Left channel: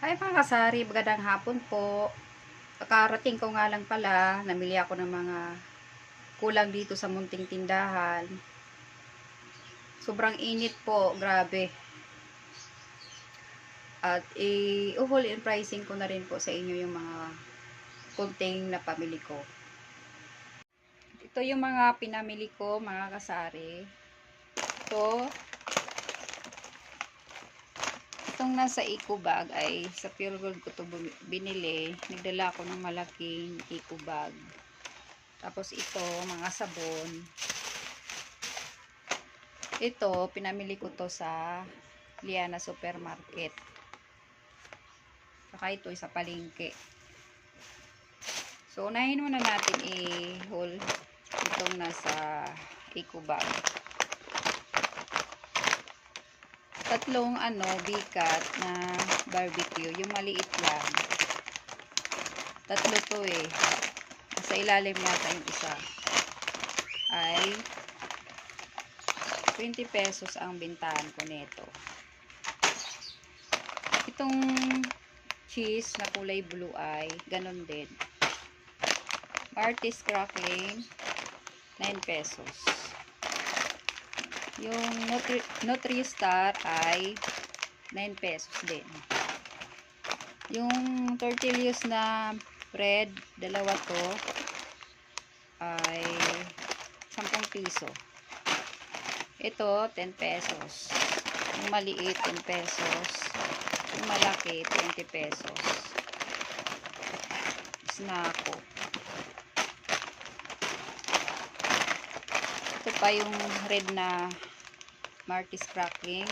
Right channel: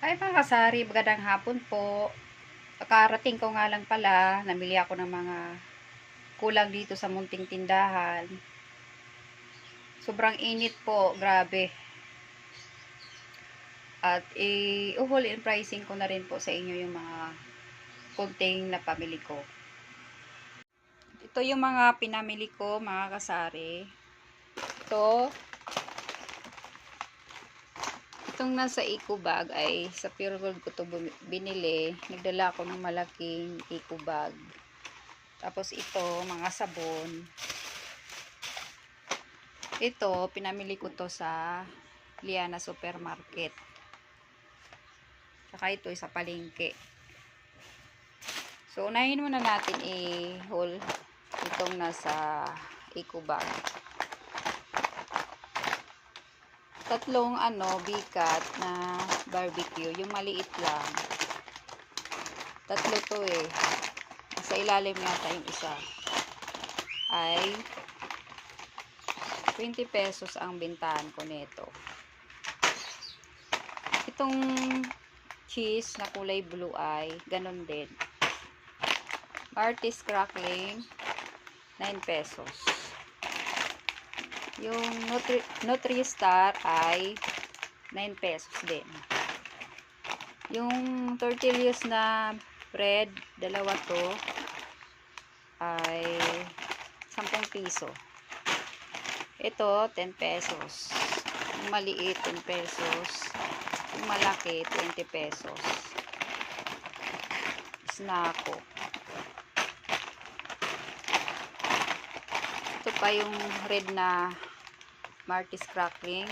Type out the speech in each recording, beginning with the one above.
Ay mga kasari, magandang hapon po. Kakarating ko nga lang pala, namili ako ng mga kulang dito sa munting tindahan. Sobrang init po, grabe. At i-uhol in pricing ko na rin po sa inyo yung mga kunting na pamili ko. Ito yung mga pinamili ko mga kasari. Itong nasa eco bag ay sa Pure Gold ko to binili. Nagdala ako ng malaking eco bag. Tapos ito, mga sabon. Ito, pinamili ko to sa Liana Supermarket. Saka ito sa palengke. So, unahin muna natin i-haul itong nasa eco bag. Tatlong bikat na barbecue. Yung maliit lang. Tatlo to eh. Sa ilalim nata yung isa. Ay 20 pesos ang bintahan ko nito. Itong cheese na kulay blue ay ganon din. Artist crackling 9 pesos. Yung Nutri-Star ay 9 pesos din. Yung tortillas na bread, dalawa to ay 10 piso. Ito 10 pesos. Yung maliit 10 pesos. Yung malaki 20 pesos. Snacko. Ito pa yung red na Martis crackling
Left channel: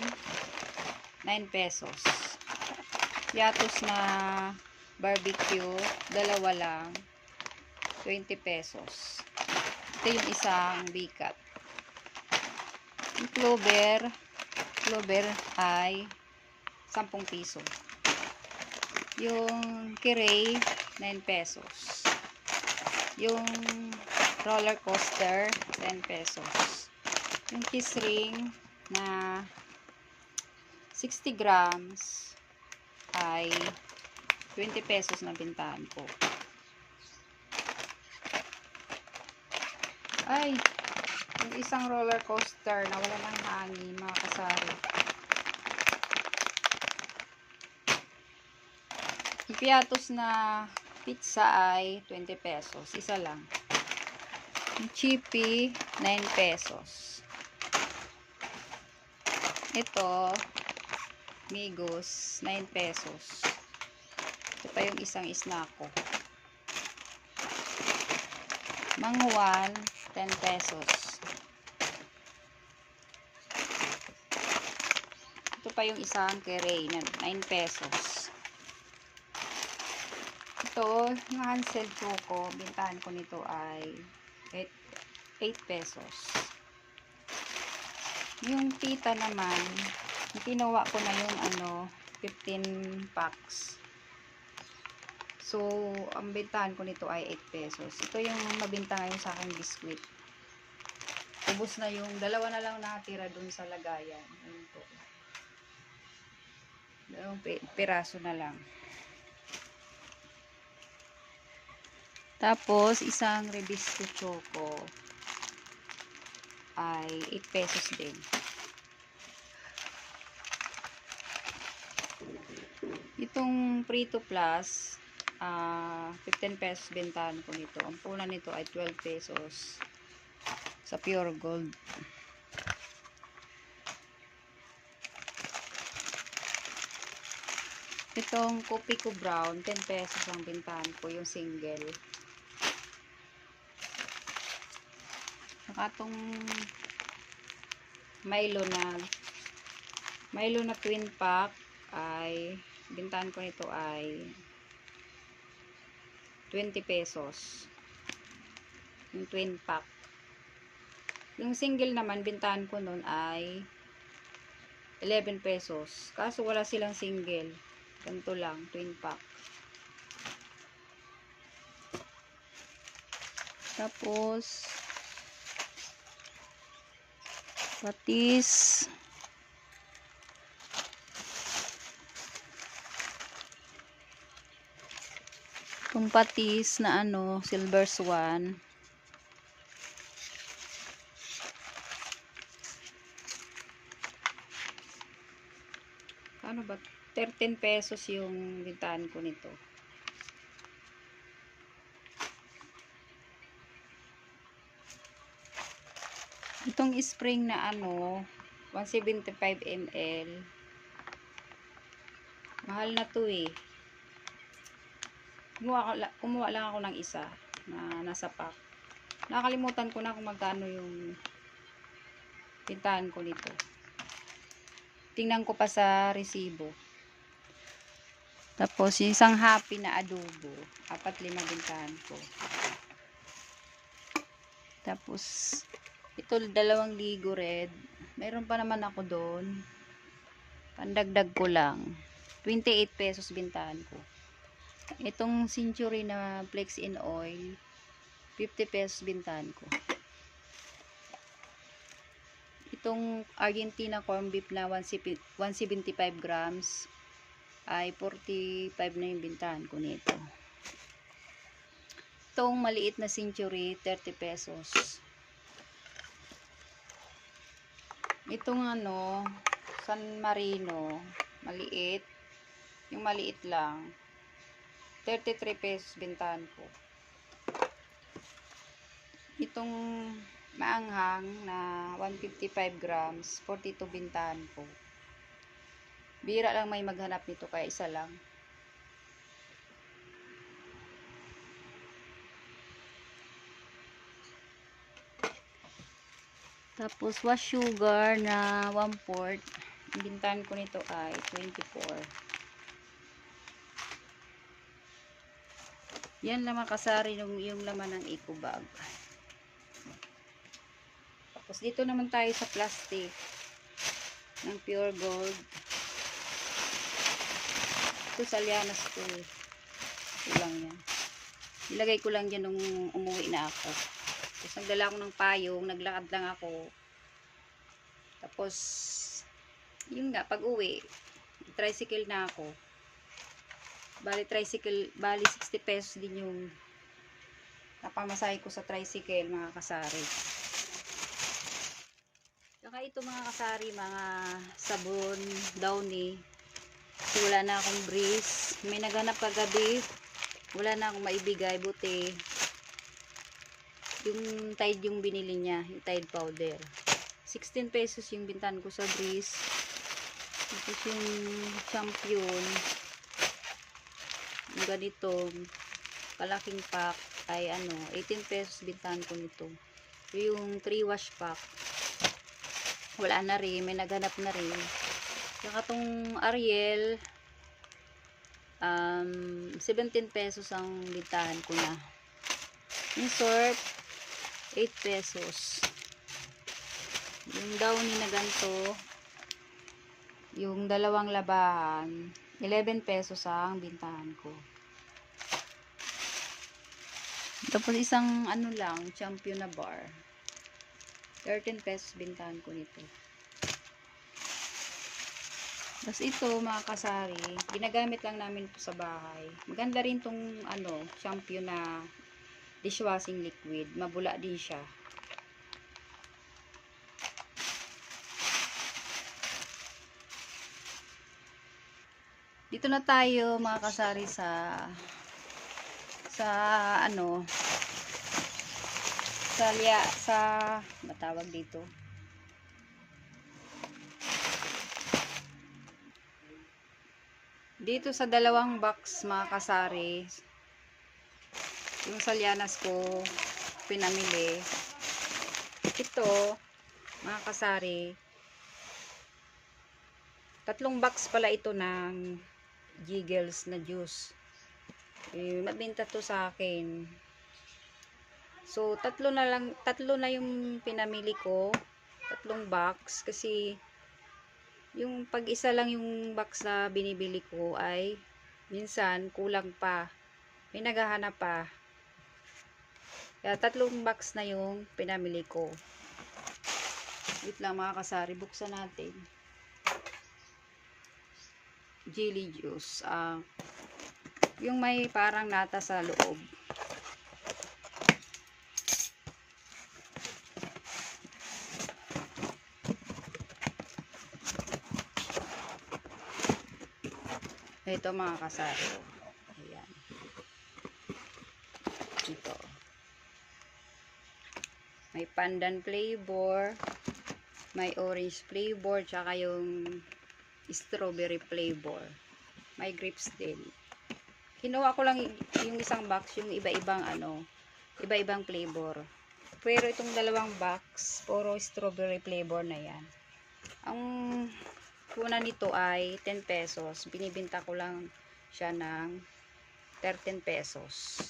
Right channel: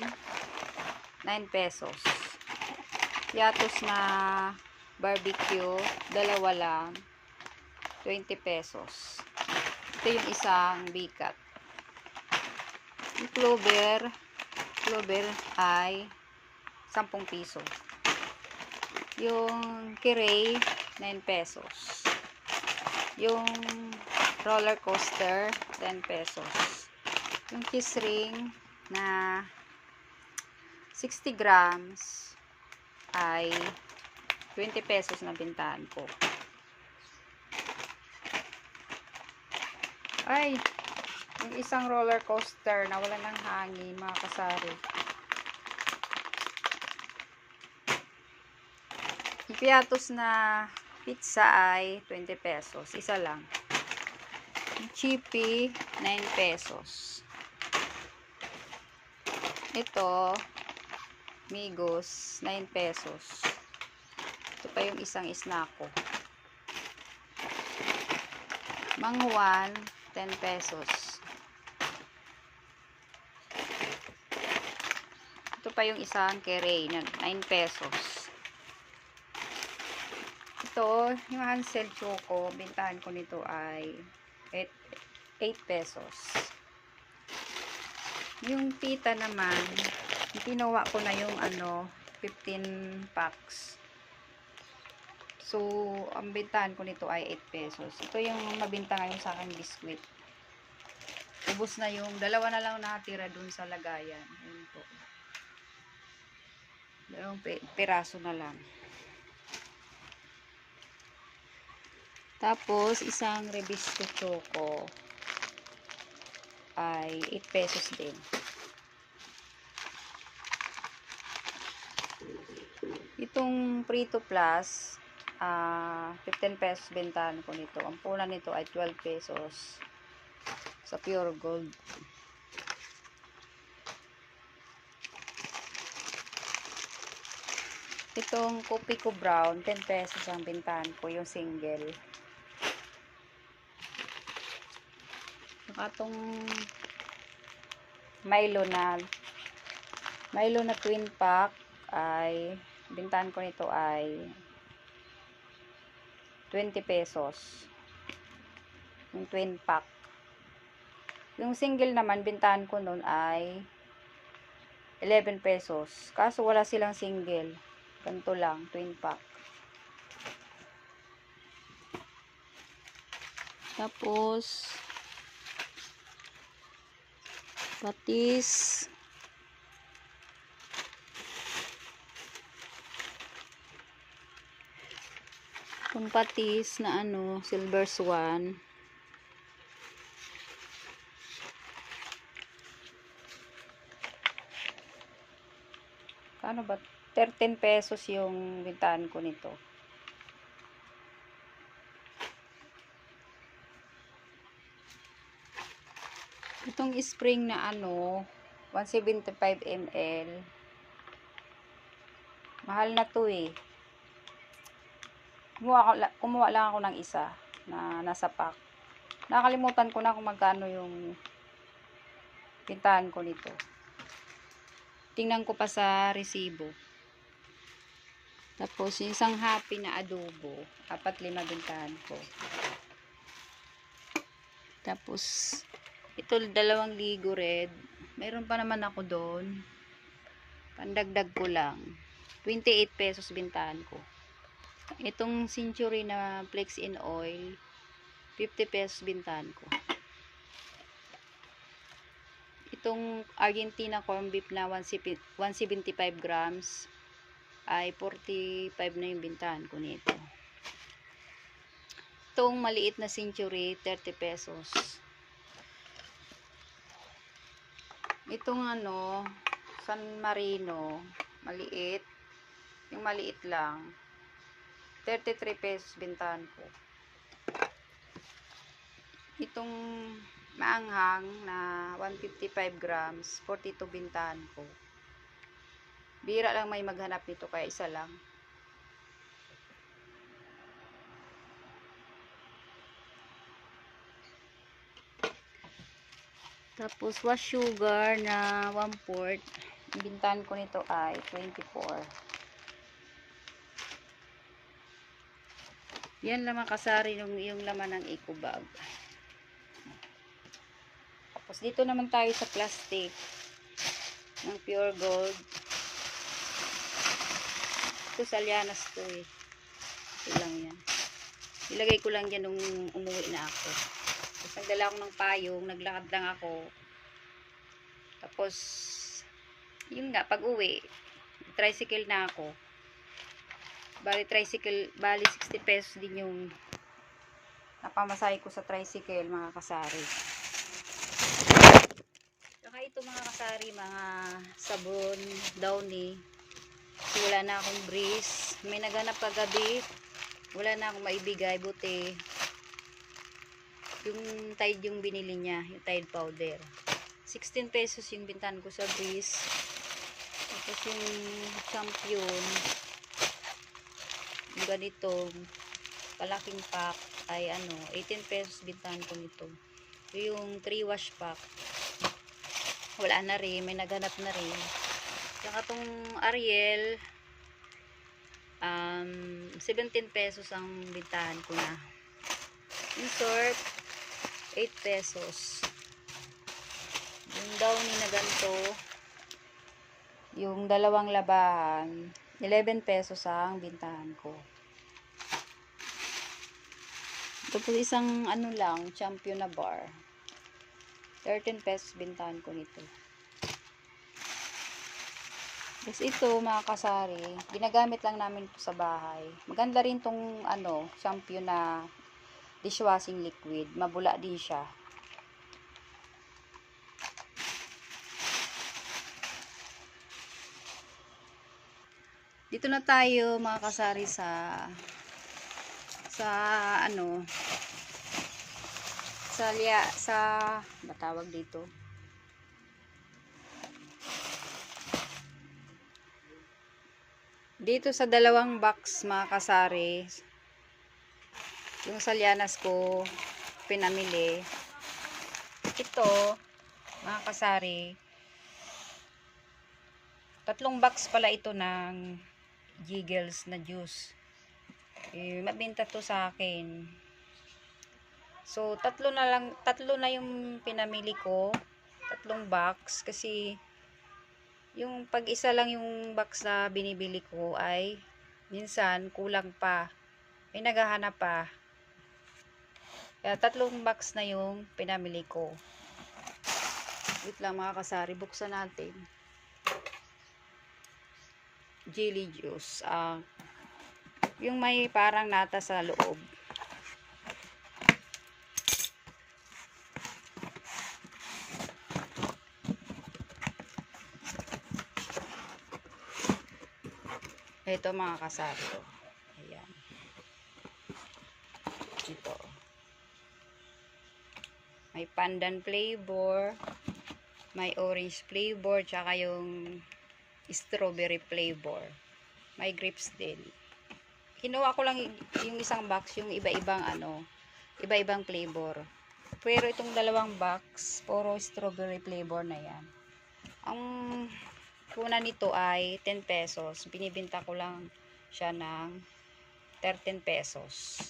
9 pesos. Piatos na barbecue dalawa lang 20 pesos. Ito yung isang bikat. Yung clover ay 10 piso. Yung kiray 9 pesos. Yung roller coaster 10 pesos. Yung kiss ring na 60 grams ay 20 pesos na bintahan ko. Ay, yung isang roller coaster na wala ng hangin mga kasari. Yung piatos na pizza ay 20 pesos. Isa lang. Yung chippy 9 pesos. Ito Migos 9 pesos. Ito pa yung isang Snacko. Mangwan 10 pesos. Ito pa yung isang Keray na 9 pesos. Ito, yung Hansel Choco, bintahan ko nito ay 8 pesos. Yung tita naman, ginawa ko na yung 15 packs. So, ang bintahan ko nito ay 8 pesos. Ito yung mabinta ngayon sa aking biskwit. Ubus na yung dalawa na lang nakatira dun sa lagayan. Ayun po. Dalawang piraso na lang. Tapos, isang Rebisco Choco ay 8 pesos din. Itong Prito Plus, 15 pesos bentahan ko nito. Ang puna nito ay 12 pesos sa Pure Gold. Itong Kopi ko Brown, 10 pesos ang bentahan ko, yung single. Itong Milo na twin pack ay bintahan ko nito ay 20 pesos. Yung twin pack. Yung single naman, bintahan ko nun ay 11 pesos. Kaso wala silang single. Ganito lang, twin pack. Tapos, patis. Kung patis na ano, Silver Swan. Ano ba? 13 pesos yung bintahan ko nito. Itong spring na ano, 175 ml. Mahal na to eh. Kumuha lang ako ng isa na nasa pack. Nakalimutan ko na kung magkano yung bintahan ko nito. Tingnan ko pa sa resibo. Tapos, yung isang happy na adobo. 4-5 bintahan ko. Tapos, ito 2 ligo red. Meron pa naman ako doon. Pandagdag ko lang. 28 pesos bintahan ko. Itong Century na Flex in Oil, 50 pesos bintahan ko. Itong Argentina corn beef na 175 grams ay 45 na yung bintahan ko nito. Itong maliit na Century, 30 pesos. Itong ano, San Marino, maliit. Yung maliit lang, 33 pesos bintahan ko. Itong maanghang na 155 grams, 42 bintahan ko. Bira lang may maghanap nito kaya isa lang. Tapos wash sugar na 1/4. Ang bintahan ko nito ay 24. Yan lang makasari yung laman ng eco bag. Tapos dito naman tayo sa plastic ng pure gold. Ito sa Lianas to eh. Ito lang yan. Ilagay ko lang yan nung umuwi na ako. Tapos nagdala ako ng payong, naglakad lang ako. Tapos yun nga, pag uwi tricycle na ako. Bali 60 pesos din yung napamasahe ko sa tricycle, mga kasari. Saka ito mga kasari, mga sabon, Downy. So, wala na akong breeze. May naganap kagabi. Wala na akong maibigay, buti yung Tide yung binili niya, yung Tide powder. 16 pesos yung bintahan ko sa breeze. Tapos yung champion, yung ganito, palaking pack, ay ano, 18 pesos bintahan ko nito. Yung 3 wash pack, wala na rin, may naganap na rin. Saka tong Ariel, 17 pesos ang bintahan ko na. Insert, 8 pesos. Yung Downy na ganito, yung dalawang labahan, 11 pesos ang bintahan ko. Tapos isang ano lang, champion na bar, 13 pesos bintahan ko nito. Tapos ito mga kasari, ginagamit lang namin ito sa bahay. Maganda rin tong ano, champion na dishwashing liquid. Mabula din siya. Dito na tayo mga kasari sa ano, sa matawag dito, dito sa dalawang box mga kasari, yung sa Lianas ko pinamili. Ito mga kasari, 3 box pala ito ng Jiggles na juice. Mabenta to sa akin. So 3 na yung pinamili ko, 3 box, kasi yung pag isa lang yung box na binibili ko ay minsan kulang pa, may naghahanap pa, kaya 3 box na yung pinamili ko. Wait lang mga kasari, buksan natin. Jelly juice, Yung may parang nata sa loob. Ito mga kasari. Ayan. Ito. May pandan flavor. May orange flavor. Tsaka yung strawberry flavor. May grapes din. Kinuha ko lang yung isang box. Yung iba-ibang iba-ibang flavor. Pero itong dalawang box, puro strawberry flavor na yan. Ang kuna nito ay 10 pesos. Binibinta ko lang siya ng 13 pesos.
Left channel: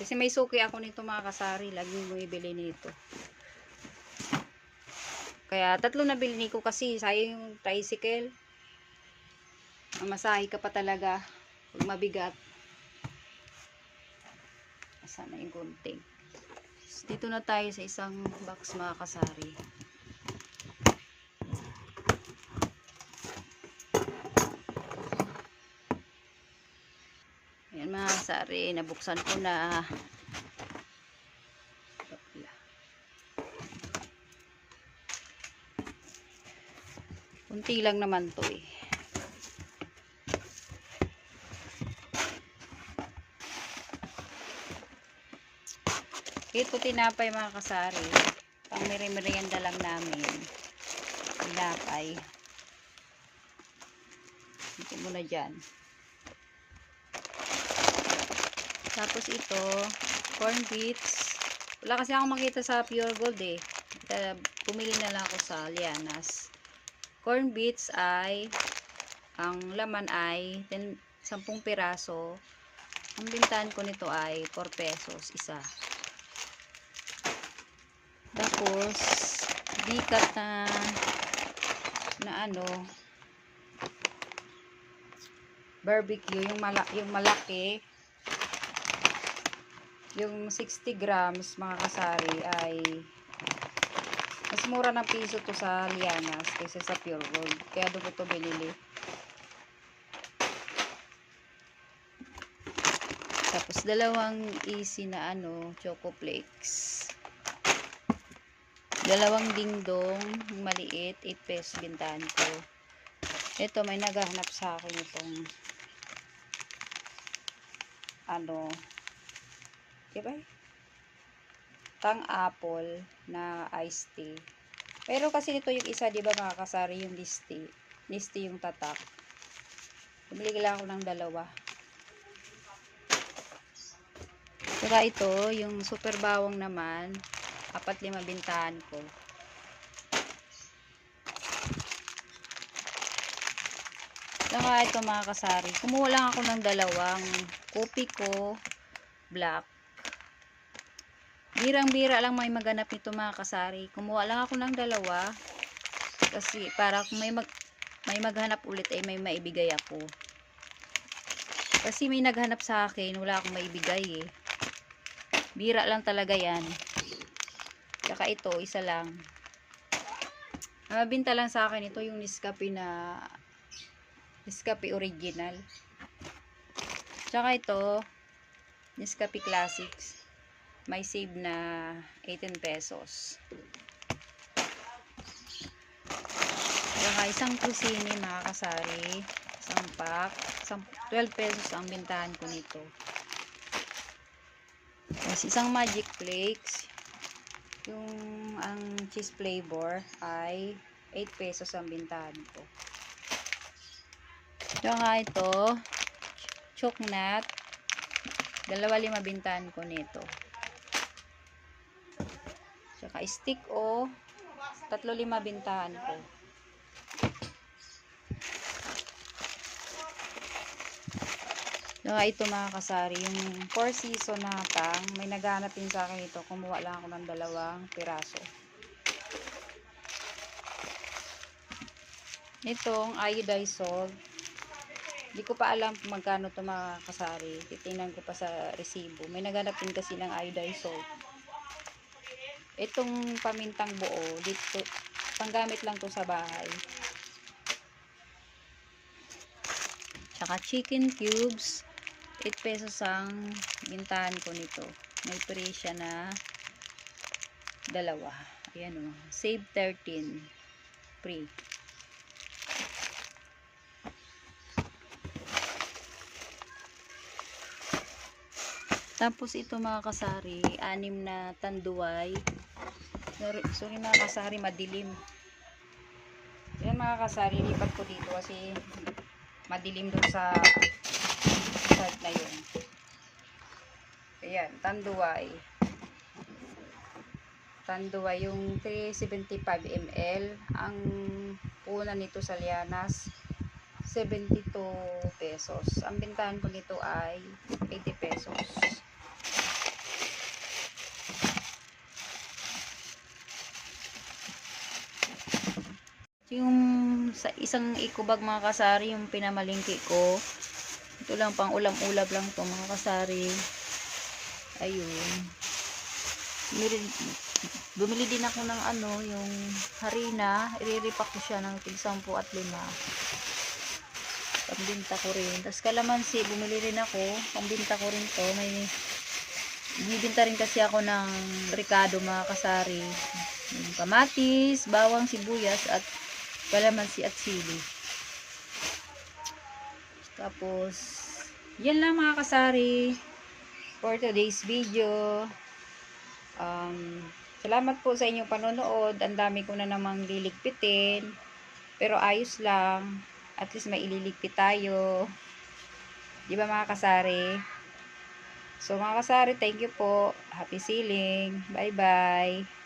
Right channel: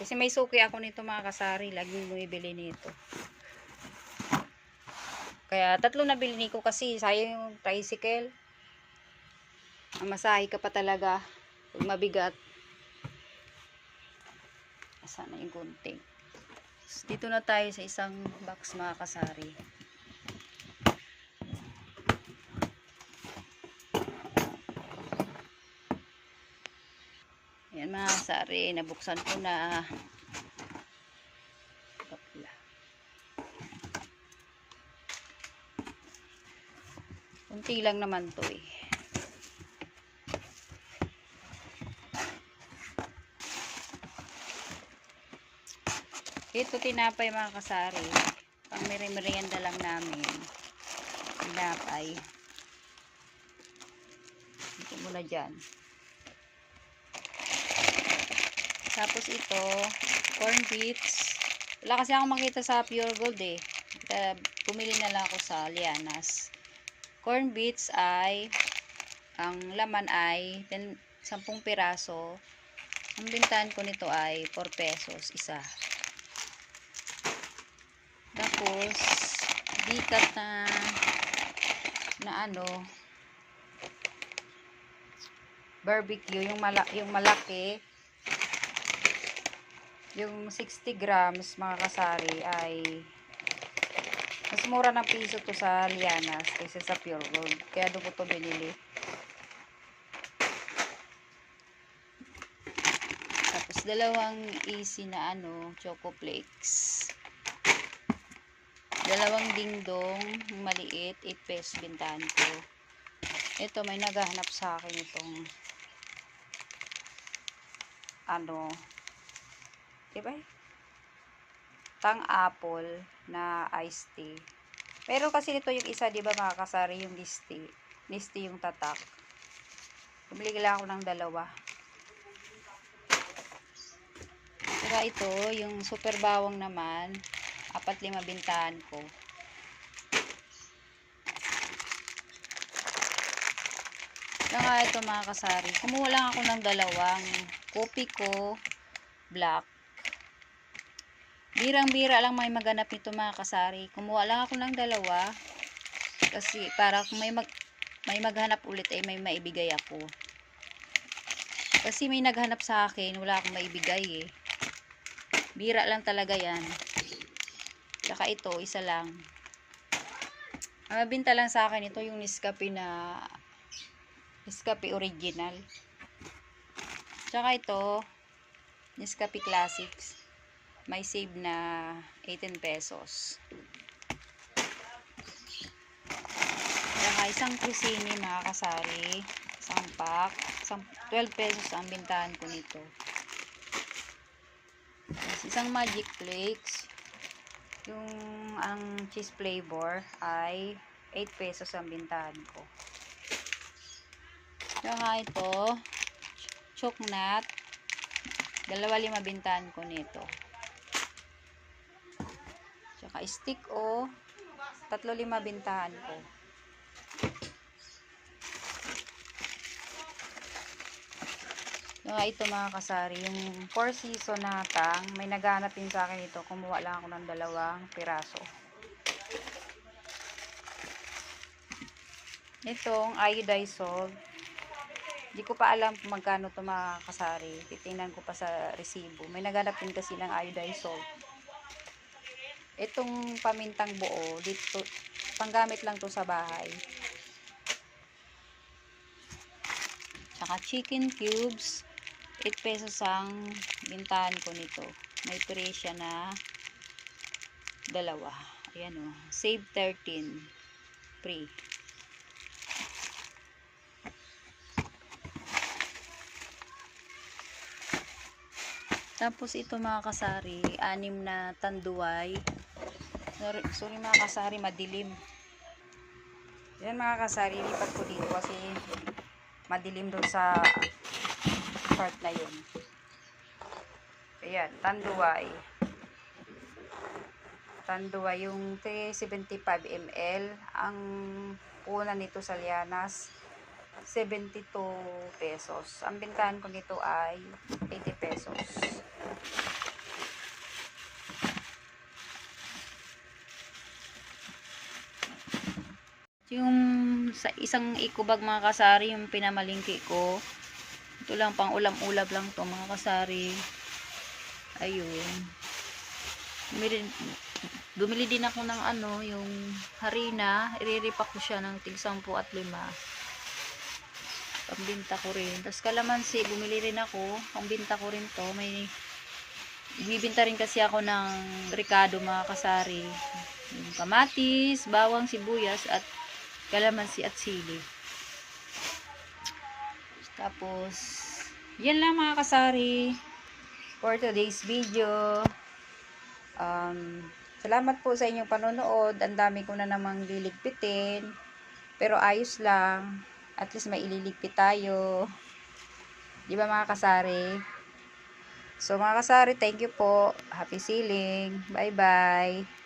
Kasi may suki ako nito mga kasari. Laging bumibili nito. Kaya tatlo na bilhin ko kasi sayang yung tricycle. Masahe ka pa talaga. Pag mabigat. Sana yung gunting. Dito na tayo sa isang box mga kasari. Ayan mga kasari, nabuksan ko na. Kunti lang naman to eh. Ito tinapay mga kasari. Pang merienda lang namin. Tinapay. Ito muna dyan. Tapos ito, corn beets. Wala kasi akong makita sa Pure Gold eh. Kaya pumili na lang ako sa Lianas. Corn beets ay, ang laman ay 10 piraso. Ang bintahan ko nito ay 4 pesos isa. Tapos bikat na barbecue, yung malaki, yung 60 grams mga kasari ay mas mura ng piso to sa Lianas kaysa sa Pure Gold. Kaya doon ko to binili. Tapos dalawang easy na choco flakes. Dalawang dingdong maliit, 8 pesos bintahan ko. Ito may naghahanap sa akin itong diba? Tang apple na iced tea. Pero kasi ito yung isa, diba mga kasari, yung Nistea yung tatak. Bumili lang ako ng dalawa. Saka ito, yung super bawang naman, 4-5 bintahan ko. Saka ito mga kasari, kumuha lang ako ng dalawang kopi ko black. Birang-bira lang may maganap nito mga kasari. Kumuha lang ako ng dalawa kasi para kung may maghanap ulit ay may maibigay ako. Kasi may naghanap sa akin, wala akong maibigay eh. Bira lang talaga yan. Saka ito, isa lang. Ang mabinta lang sa akin ito yung Nescafe original. Saka ito, Nescafe Classics. May save na 18 pesos. Saka isang kusini mga kasari. Isang pack. 12 pesos ang bintahan ko nito. Tapos isang Magic Flakes. Ang cheese flavor ay 8 pesos ang bintahan ko. Yung ito, chocolate. 2.5 bintahan ko nito. Tsaka stick 3.5 bintahan ko. Ito mga kasari, yung 4 season na tang, may naghanap din sa akin ito. Kumuha lang ako ng 2 piraso. Itong iodized salt. Hindi ko pa alam kung magkano ito mga kasari. Titingnan ko pa sa resibo. May naghanap din kasi ng iodized salt. Itong pamintang buo, dito, panggamit lang to sa bahay. Saka chicken cubes. 8 pesos ang bintahan ko nito. May presya na dalawa. Ayan o. Save 13. Free. Tapos ito mga kasari, 6 na tanduay. Sorry mga kasari, madilim. Yan mga kasari, lipat ko dito kasi madilim doon sa part na yun. Ayan, tanduay. Tanduay yung 375 ml. Ang puna nito sa Lianas, 72 pesos. Ang bintahan ko nito ay 80 pesos. Yung sa isang ikubag mga kasari, yung pinamalingki ko, ito lang pang ulam-ulab lang to mga kasari. Ayun, bumili din ako ng ano, yung harina. Iriripak ko siya ng tig 10 at 5. Pambinta ko rin. Tapos kalamansi, bumili rin ako, pambinta ko rin to. May bibinta rin kasi ako ng Ricardo mga kasari, yung kamatis, bawang, sibuyas at kalamansi at sili. Tapos yan lang mga kasari for today's video. Salamat po sa inyong panonood. Ang dami ko na namang liligpitin, pero ayos lang, at least may ililigpit tayo, di ba mga kasari? So mga kasari, thank you po. Happy sailing. Bye bye.